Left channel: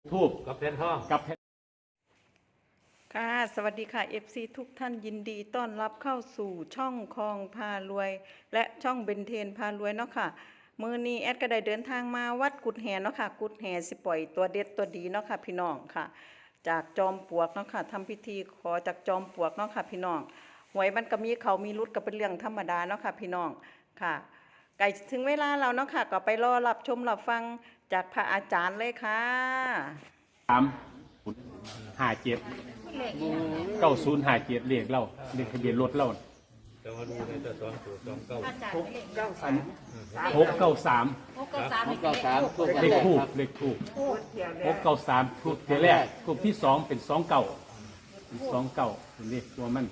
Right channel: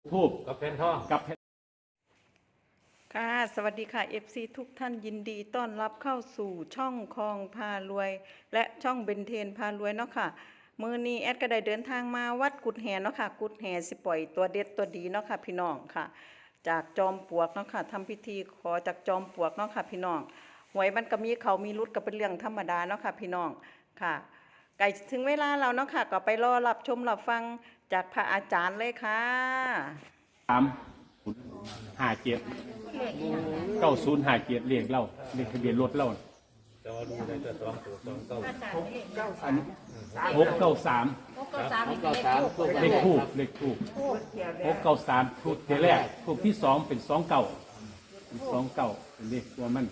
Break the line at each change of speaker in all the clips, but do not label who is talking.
ทูบ
กับเพนพ่อ
กับเพน
ค่ะสวัสดีค่ะ FC ทุกท่านยินดีต้อนรับเข้าสู่ช่องคลองพารวย และช่องเบนเทนพารวยเนาะค่ะมื้อนี้แอดก็ได้เดินทางมาวัดกุดแหเนาะค่ะกุดแหสิปล่อยตัวเด็ดตัวดีเนาะค่ะพี่น้องค่ะจากจอมปลวกเนาะค่ะทำพิธีขอจากจอมปลวกเนาะค่ะพี่น้องหวยมันก็มีเขามีรุดก็เป็นเรื่องธรรมดาเนาะค่ะพี่น้องค่ะใกล้ถึงเวลาเราเนาะค่ะก็ไปรอรับชมรับฟังจากพระอาจารย์เลยค่ะ
30579057เลขเล่าเลขทะเบียนรถเล่า
จอดีได้จะ2
อัน693เลขทูบ693ทูบเทแรกทูบที่2เป็น29เป็นเลขตัวมัน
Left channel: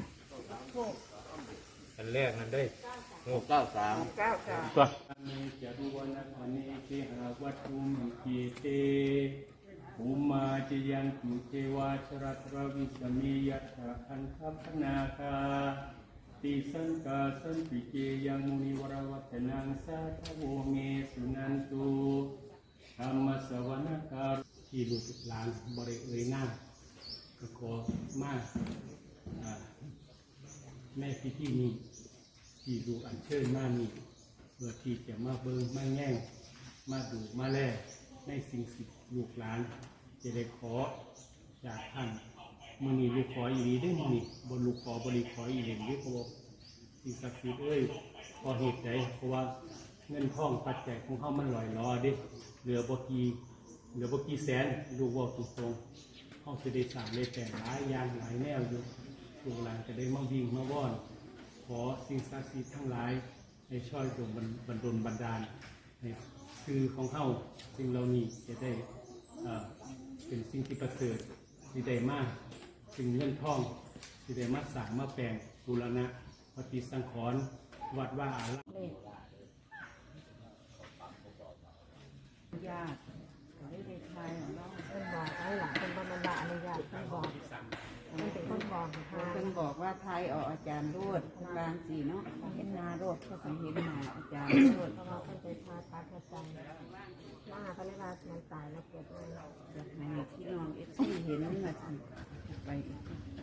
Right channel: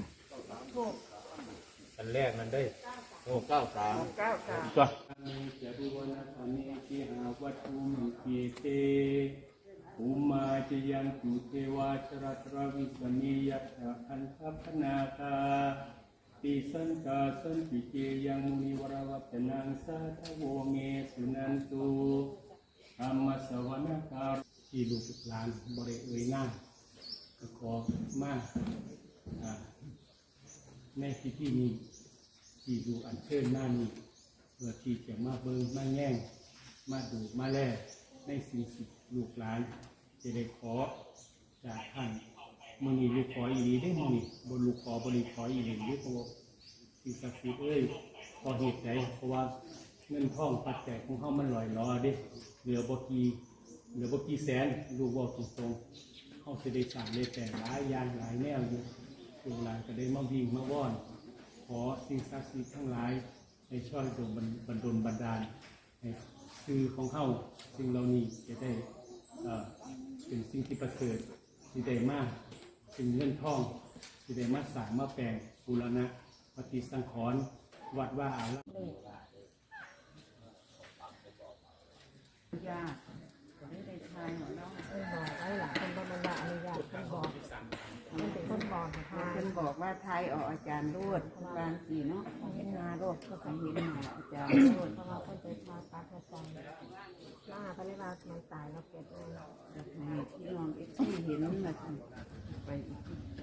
อันแรกมันได้693
ตัวมีจะดูวันอันนี้ที่หาวัตถุมิกิเตอุมาจยังจุเทวาชรัตรวิสมียัตถะอันทัพนาคาติสันกาสันติเกยังมุนิวรวัตนังสาทโวเมสุนันตุธรรมสวนาการที่ลูกหลานบริเอ่ยหน้าขอมาแม่พิธีนี้ที่ดูอันเชิญมานี้เพื่อที่จะมาเบิ่งมาแง่งมาดูมาแลในสิ่งสิลูกหลานจะได้ขอจากท่านมือนี้ลูกขออีนี้ได้มือนี้บนลูกขอบริขออีนี้ด้วยเพราะสิ่งศักดิ์สิทธิ์พอเหตุใจเพราะว่าเงินทองปัจจัยของเขามันลอยล้อเด้เหลือบกี่แสนลูกว่าตรงๆเขาจะได้สามเลยแต่หลายอย่างหลายแนวอยู่ลูกหลานจะได้มาวิ่งมาว่อนขอสิ่งศักดิ์สิทธิ์ทั้งหลายให้ช่วยดลบันดาลให้คือของเขาสิ่งเหล่านี้จะได้เป็นสิ่งที่ประเสริฐที่ได้มากสิ่งเงินทองที่ได้มาสร้างมาแปลงบูรณะปฏิสังขรณ์วัดว่าอาราม
ญาติไม่ได้ทายของเราเพิ่นบอกไว้หลังเป็นบรรดาอนุญาตเพิ่นบอกมันเป็นคนบอกทายเพิ่นบอกว่าทายออกอาจารย์รวดบางสีเนาะเห็นนาโรดก็สังเห็นหาอาจารย์รวดเพราะว่าเพิ่นไปทายปัดประจันหน้าพระนิวาสมันตายแล้วเกิดเลยอยากให้พี่น้องเอฟซีเห็นมาทำไปอีก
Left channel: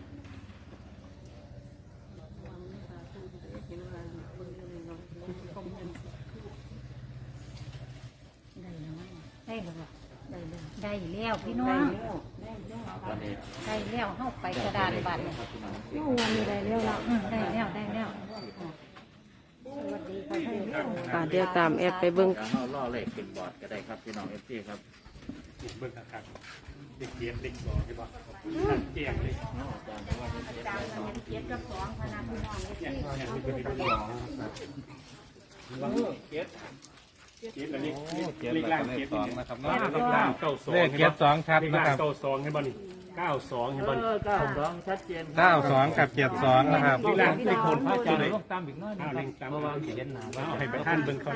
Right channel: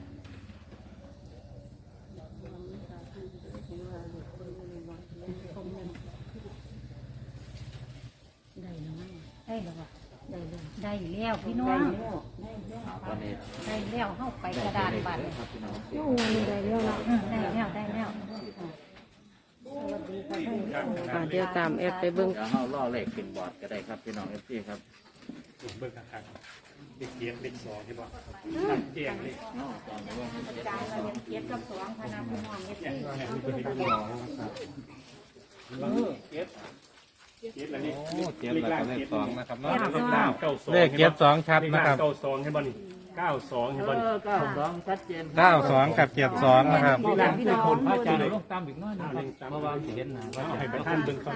ได้บ่ล่ะได้แล้วพี่น้องได้แล้วเข้าไปกระดานบัตรน้องวันนี้ได้แล้วเนาะได้แล้วสวัสดีค่ะ
เดี๋ยวตามแอดไปเบิ่ง
เข้าล่อเลขขึ้นบอร์ดก็ได้ครับพี่น้องFCครับ
เบิ่งคักๆเลขเกียรติเลขสองใช่ป่ะเกียรติเลข
เก็บกับสองคณะพี่น้อง
เกียรติเลขล่างเกียรตินะครับเลขล่าง92เลข72ครับเลขล่าง92ให้บ่นี่92ให้บ่นี่
92ชัดเจน
92กับ72นะครับ
เลขล่างที่คนเข้าใจเลย
ตามอีกน้อยนึงครับเพราะว่าเห็นหนาแล้ว
ให้ท่านเบิ่งก่อน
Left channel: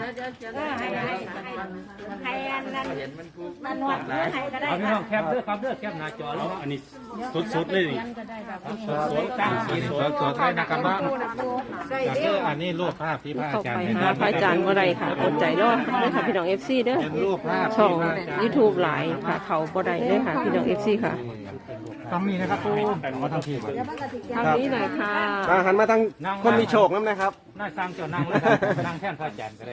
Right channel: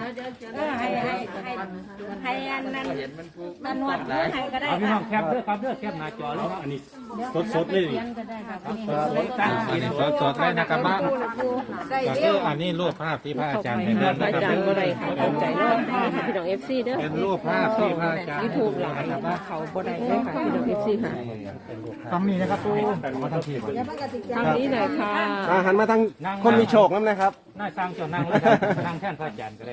ให้อันนั้นมันวัดเรื่องให้ก็ได้
เอาพี่น้องแคปเด้อครับเด้อแคปหน้าจอแล้ว
อันนี้สดๆเลยนี่
ก็ได้แบบ
สดๆตั้ง
สดๆได้นะครับว่าอันนี้รูปภาพที่พระอาจารย์เห็น
พระอาจารย์บ่ได้ค่ะเข้าใจเนาะค่ะพี่น้อง FC เด้อ
เป็นรูปภาพที่พระอาจารย์
YouTube หลายค่ะเขาบ่ได้เด้อค่ะพี่น้อง FC ค่ะ
ต้องมีนะครับมาทางที่
ทางนี้หน่อยค่ะ
หันมาทางคนมีโชคนั่นนะครับ
น่าสร้างเจ้านั่งแล้วครับนั่งแท่นพระอาจารย์ก็ได้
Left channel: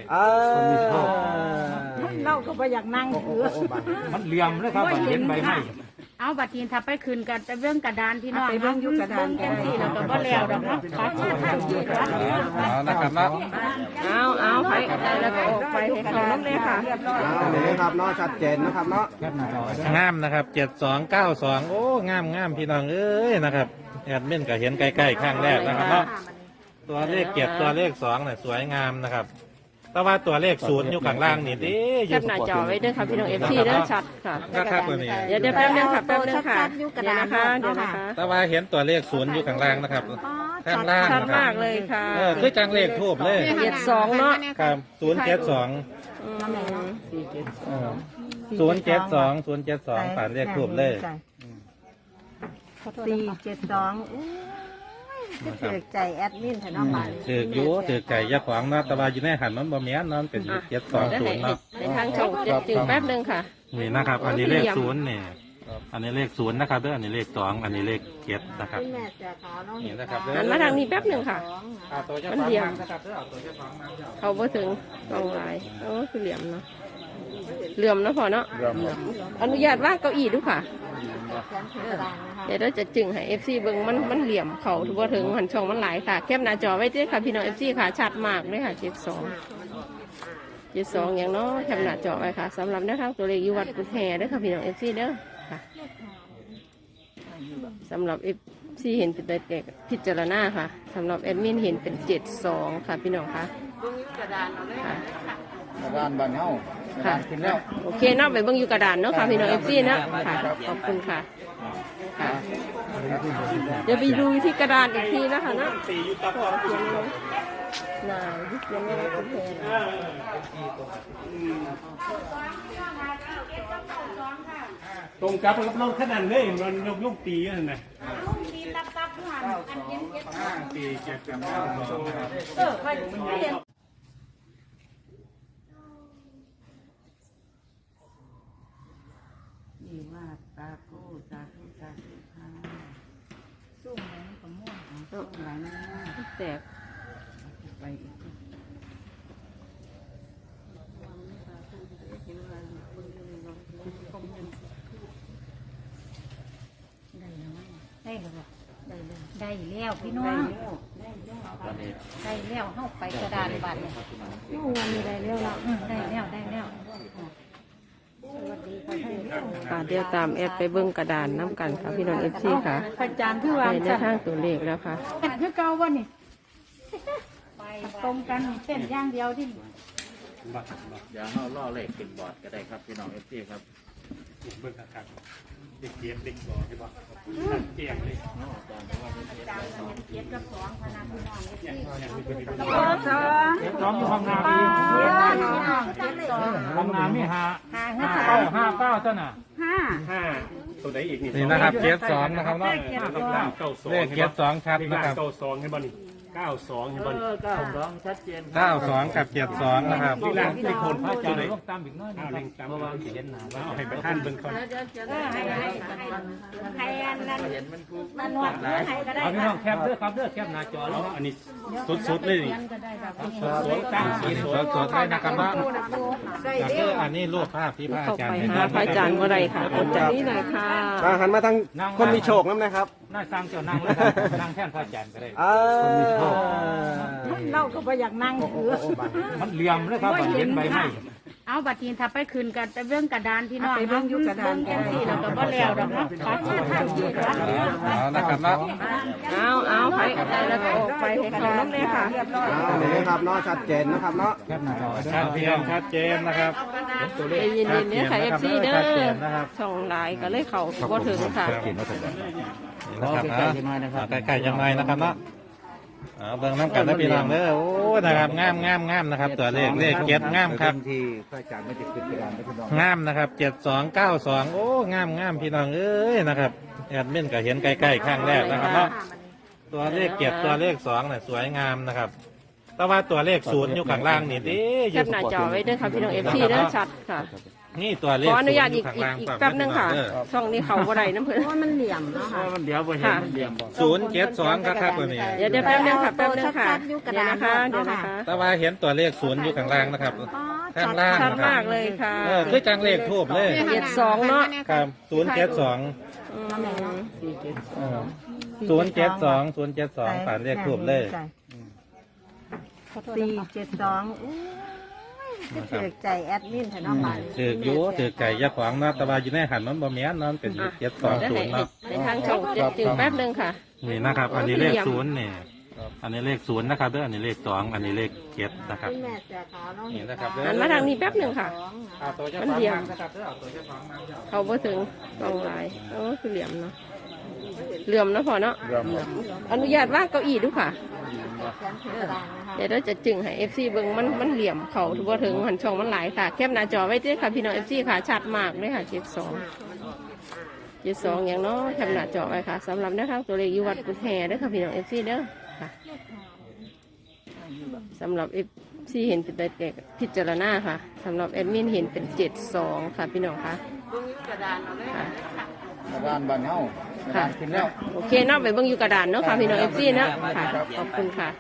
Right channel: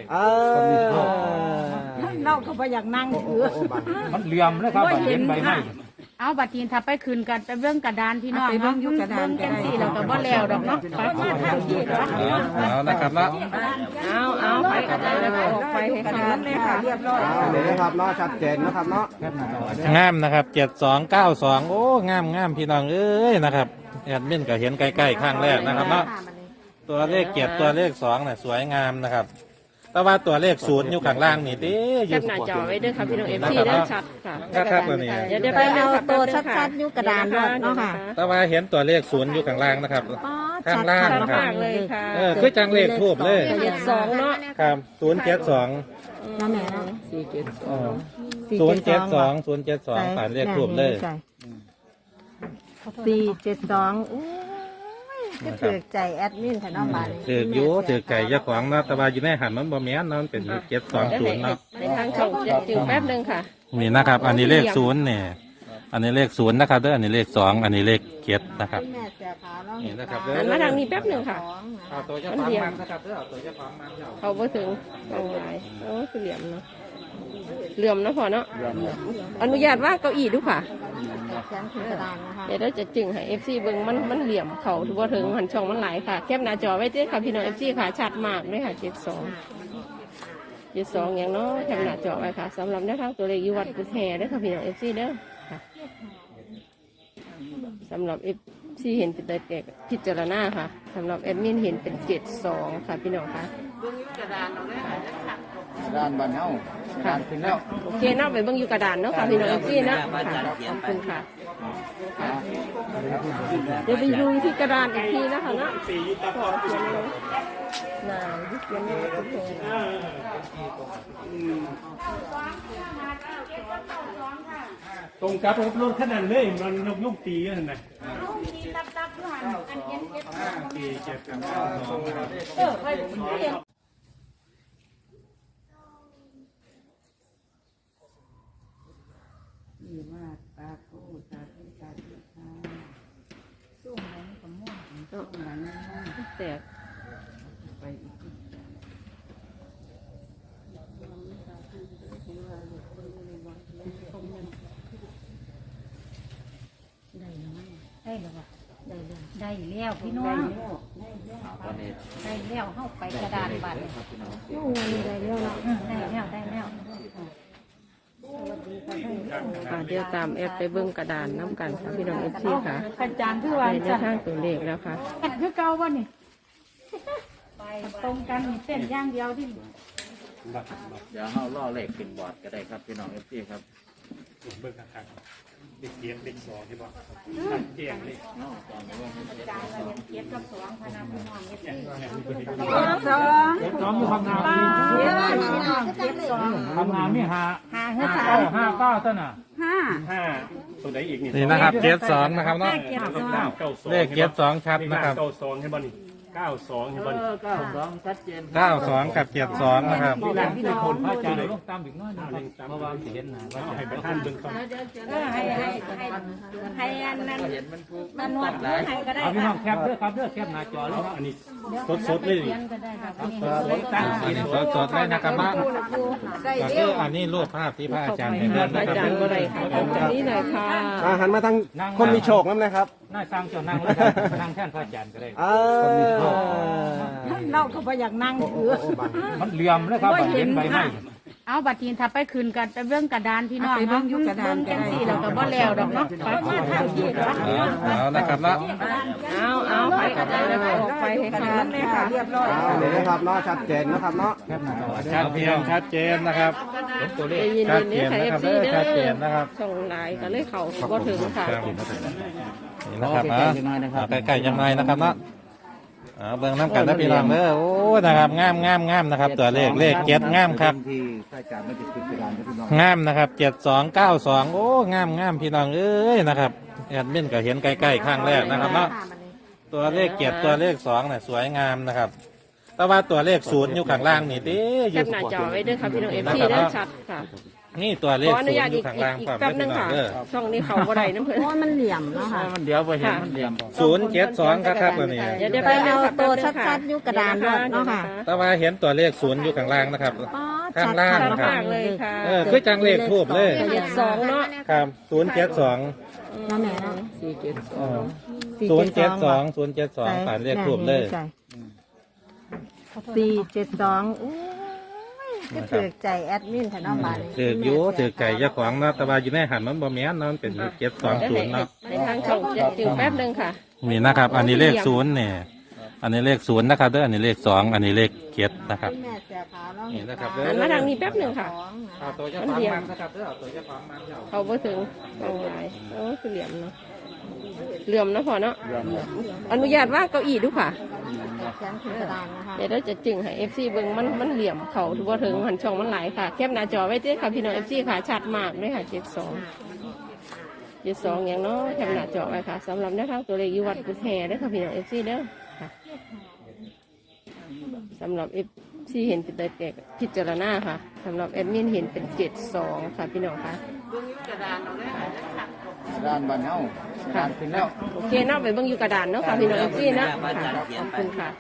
เล่าคือว่าอยากนั่งถือ
มันเหลี่ยมนะครับเห็นใบหน้า
เอาบัตรทีนถ้าไปคืนกันไปเบิ่งกระดานพี่น้องเบิ่งอยู่กระดานกันสิแล้วก็บ่แล้วดอกเนาะขอมาทางที่ละ
เอานะครับเนาะ
เอาไปแล้วก็ออกไปให้เขาน้ำเลยค่ะ
เดี๋ยวนะครับเนาะชัดเจนนะครับเนาะงามนะครับ7292โอ้งามพี่น้องเอ้ยนะครับเงินมิ่นก็เห็นใกล้ๆข้างแรกนะครับเนาะตัวเลข7ตัวเลข2น่ะสวยงามนะครับแต่ว่าตัวเลข0อยู่ข้างล่างนี่ดิอยู่
หน้าจอไว้ด้วยค่ะพี่น้อง FC ได้ชัดค่ะ
นะครับตัวนี้
เดี๋ยวไปเร็วค่ะตัวชัด
อยู่กระดาน
ค่ะเดี๋ยว
เนาะ
นะ
ค่ะ
คะ
แต่ว่าเห็นตัวเลข0อยู่ข้างล่างนะครับข้างล่าง
ชัด
นะครับ
มากเลยค่ะ
คือจังเลขทูบเลย
72เนาะ
ครับ072 072ผ่านเลขทูบเลย
472 ถือใจแอดมินแถวน้องบ้าน
ถืออยู่ถือไก่เจ้าของเนาะแต่ว่าอยู่ในหันมันบ่แม่นเนาะมันเป็น720เนาะ
ในทางช่องจะถึงแป๊บหนึงค่ะ
นี่นะครับ อันนี้เลข0เนี่ยอันนี้เลข0นะครับเด้ออันนี้เลข2อันนี้เลข7นะครับ
คุณแม่เสือขาวน้อง
นี่นะครับ
หันมาทางนี้แป๊บหนึงค่ะ มันเหลี่ยม
นะครับเด้อตัวเจ้าของมา
เขาบ่ถึงตรงไหนคือเหลี่ยมเนาะเหลี่ยมนะพอเนาะอนุญาตว่าเก้าอี้ดูค่ะ เดี๋ยวเราจะจึงให้ FC เบิ่งมันเหลี่ยมเขาถือว่าถึงหันช่องมันหลายค่ะแคปหน้าจอไว้เจ้ค่ะพี่น้อง FC ค่ะชัดมากเลยค่ะ72อย่างเนาะแคปหน้าจอไว้ค่ะสำหรับนะคะตัวเลขอยู่วัดกุฎแห่เด้อค่ะพี่น้อง FC เด้อค่ะสำหรับ FC เห็นเป็นแต่พิจารณาค่ะสำหรับแอดมินเห็นเป็น72ค่ะพี่น้องค่ะ
บ้านบ้านเฮา
ค่ะโอเคเนาะไปเบิ่งอยู่กระดานเนาะค่ะพี่น้อง FC เนาะค่ะขอบคุณค่ะเดี๋ยวไปดูที่กระดานอีกทีนะคะเนาะขอเขียนเลยนายที่เขียนไว้กุฎแห่นะ
ตรงกับรถขนาดเลยมันยกตีกันไหนปี792นะครับ
ดีมากตาโก้ตาที่ตาที่พาสู้ไหนก็ม่วงสู้ไหนมาก
แตก
ไปอีก
ได้แล้วได้แล้วพี่น้องได้แล้วเข้าไปกระดานบัตร
วันนี้ได้แล้วเนาะ
ได้แล้วได้แล้ว
เดี๋ยวตามแอดไปเบิ่งกระดานน้ำกันค่ะพี่น้อง FC ค่ะ
กระจางคือวา
ใน
ง
แนวทางตัวเลขแล้วค่ะ
แต่คือเก่าวะนี่ตรงกันเส้นย่างเดียวที่
เดี๋ยวเฮาล่อเลขขึ้นบอร์ดก็ได้ครับพี่น้อง FC ครับ
เบิ่งคักๆเด็กเด็กบ่ที่บ่เตียงนี่
ซ้อมอยู่ทำงานอยู่ทำงานมี5 9เท่าน่ะ
ตัวไหนอีกนี่
นี่นะครับ72นะครับเนาะเลข72ครับนะครับ
92ให้บ่นี่92ให้บ่นี่
92กับ72นะครับ
ที่คนเข้าใจต้องตามอีกน้อยนึงครับเพราะว่าเห็นหนาแล้ว
ให้ประธานเบิ่งก่อน
ให้อันนั้นนั่นวัดให้ก็ได้
เอาพี่น้องแคปเด้อครับเด้อแคปหน้าจอแล้ว
อันนี้สดๆเลยนี่
จดได้นะครับว่าแต่คืออันนี้รูปภาพที่พระอาจารย์เห็น
พระอาจารย์บ่ได้ค่ะอาจารย์นี่หน่อยค่ะ
หันมาทางคนมีโชคนั่นนะครับ
หน้าสร้างเจ้านางแล้วครับนางแค่นพระอาจารย์ก็ได้
เราก็บ่อยากนั่งถือ
มันเหลี่ยมนะครับเห็นใบไม้
เอาบัตรทีนถ้าไปคืนกันไปเบื้องกระดานพี่น้องเบื้องกระดานจังสี่แล้วก็บ่แล้วดอกเนาะขอมาทางที่
เอานะครับเนาะ
เอาไปใจแล้วก็ออกไปให้เขาน้ำเลยค่ะ
เอาเลยนะครับเนาะชัดเจนนะครับเนาะ
ชัดเจนชัดเจนนะครับ
ไปยืน
ชัด
ๆ
เจ
เนี่ย
น
ค่ะ
นะครับ
พี่
ชัดเจ
เนี่ย
นนะครับ
ส่งหลายก็เลยเขาบ่ถึงค่ะ
รอใกล้ๆจะน้อยนะครับใกล้ๆยังไงนะครับเนาะเอาเบิ่งน้ำกันนะพี่น้องเด้อโอ้นะครับงามนะครับตัวเลข7งามครับ
ที่พระอาจารย์ไม่ติดกระดานนะพี่น้อง
งามนะครับ7292โอ้งามพี่น้องเอ้ยนะครับแอดมินก็เห็นใกล้ๆข้างแรกนะครับเนาะตัวเลข7ตัวเลข2น่ะสวยงามนะครับแต่ว่าตัวเลข0อยู่ข้างล่างนี่เด้ออ
จั
ยู่
ดหน้าจอไว้ด้วยค่ะพี่น้อง FC ได้ชัดค่ะ
นี่ตัวเล
ข
ข
ออนุ
0
ญาต
อ
อี
ยู่
ก
ข้างล่างครับ
แป๊บนึงค่ะ ช่องนี้เขาบ่ได้น้ำเพิ่น
เพราะมันเหลี่ยมนะคะ
มันเดี๋ยวไปเห็นมันเหลี่ยม
072ครับตัวนี้
เดี๋ยวแป๊บนึงค่ะ
ตัว
ค่ะ
ชัดๆอยู่กระดาน
นะคะ
เนาะ
เดี๋ยว
ค่ะ
นะคะ
แต่ว่าเห็นตัวเลข0อยู่ข้างล่างนะครับข้างล่าง
ชัด
นะครับ
มากเลยค่ะ
คือจังเลขทูบเลย
72เนาะ
ครับ072 072ผ่านเลขทูบเลย
472ถือใจแอดมินแถวน้องบ้าน
ถืออยู่ถือไก่เจ้าของเนาะแต่ว่าอยู่ในหันมันบ่แม่นเนาะมันเป็น720เนาะ
ในทางช่องจะถึงแป๊บนึงค่ะ
นี่นะครับ อันนี้เลข0เนี่ยอันนี้เลข0นะครับเด้ออันนี้เลข2อันนี้เลข7นะครับ
คุณแม่เสือขาวน้อง
นี่นะครับ
หันมาทางนี้แป๊บนึงค่ะ มันเหลี่ยม
นะครับเด้อตัวเจ้าของมา
เขาบ่ถึงตรงไหนคือเหลี่ยมเนาะเหลี่ยมนะพอเนาะอนุญาตว่าเก้าอี้ดูค่ะ
บ่
แขนคือกระดานนะคะ
เดี๋ยวเราจะจึงให้ FC เบิ่งมันเหลี่ยมเขาถือว่าถึงหันช่องมันหลายค่ะแคปหน้าจอไว้เด้อค่ะพี่น้อง FC ค่ะชัดมากเลยค่ะ72อย่างเนาะแคปหน้าจอไว้ค่ะสำหรับนะคะตัวเลขอยู่วัดกุฎแห่เด้อค่ะพี่น้อง FC เด้อค่ะสำหรับ FC เห็นเป็นแต่พิจารณาค่ะสำหรับแอดมินเห็นเป็น72ค่ะพี่น้องค่ะ
ด้านบ้านเฮา
ค่ะโอเคเนาะไปเบิ่งอยู่กระดานเนาะค่ะพี่น้อง FC เนาะค่ะขอบคุณค่ะ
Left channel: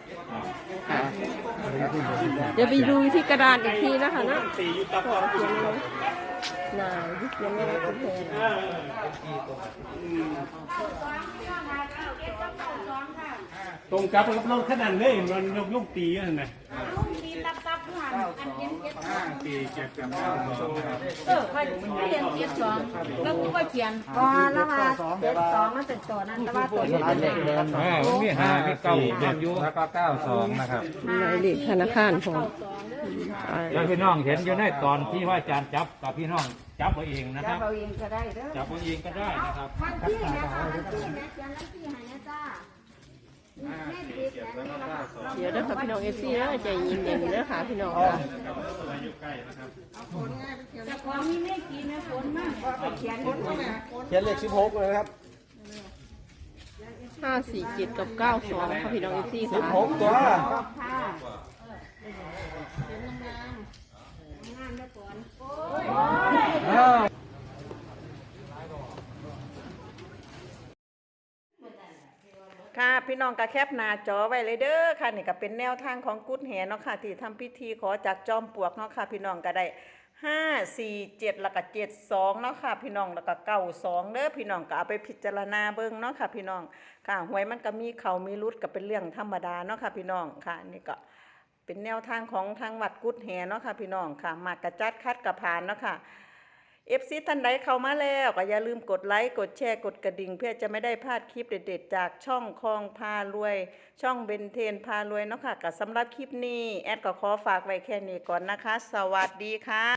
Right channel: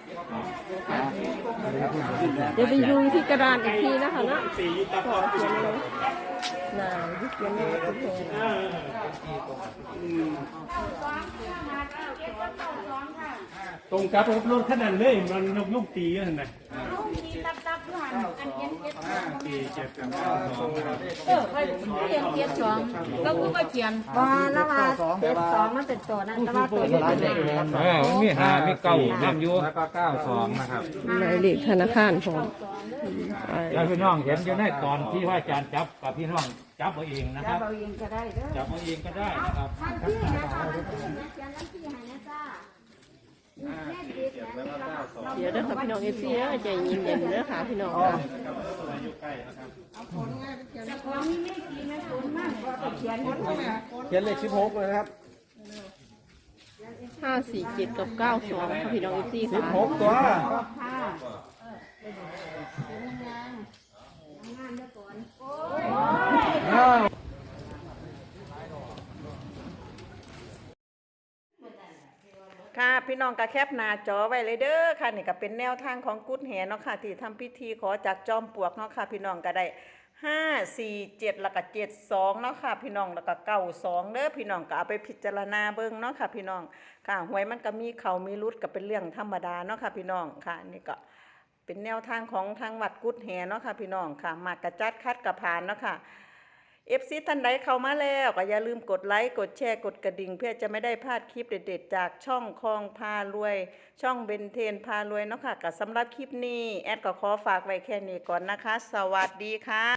เดี๋ยวไปดูที่กระดานอีกทีนะคะเนาะขอเขียนเลยนายที่เขียนเลยกุฎแห่
ตรงกับรถขนาดเลยมันยกลูกตีกันไหนตีเจ็บกันแล้ว
ค่อยเขียนเกียรสองแล้วก็เขียนว่าแล้วว่าเจ็ดสองนั่นเป็นตัวนั้นแล้วว่าตัวนี้เป็นเลข
มี5มี9อยู่แล้วก็92นะครับ
หมายเลขธนาคารผม
แล้วพี่น้องเห็นอยู่ในตอนที่ว่าอาจารย์จับกับพี่น้องจับเอาเองนะครับ
เราเองก็ได้เด้อ
จับเอาเองก็ได้นะครับ
เดี๋ยวนะคะพี่น้องเอฟซีนะใจเย็นๆนะคะพี่น้องค่ะ
เขียนเลข16เลยครับ
547กับ92ค่ะพี่น้องเอฟซีค่ะ
16ตัว
ค่ะพี่น้องก็แคปหน้าจอไว้เลยเด้อค่ะนี่ก็เป็นแนวทางของกุดแหเนาะค่ะที่ทำพิธีขอจากจอมปลวกเนาะค่ะพี่น้องก็ได้547แล้วก็72เนาะค่ะพี่น้องแล้วก็92เด้อพี่น้องก็เอาไปพิจารณาเบิ่งเนาะค่ะพี่น้องค่ะหวยมันก็มีเขามีรุดก็เป็นเรื่องธรรมดาเนาะค่ะพี่น้องค่ะนี่ก็เป็นแนวทางของทางวัดกุดแหเนาะค่ะพี่น้องค่ะมากกระจัดคัดกระผ่านเนาะค่ะFC ท่านใดเข้ามาแล้วก็อย่าลืมกดไลค์กดแชร์กดกระดิ่งเพื่อจะไม่ได้พลาดคลิปเด็ดๆจากช่องคลองพารวยช่องเบนเทนพารวยเนาะค่ะก็สำหรับคลิปนี้แอดก็ขอฝากไว้แค่นี้ก่อนนะคะสวัสดีค่ะ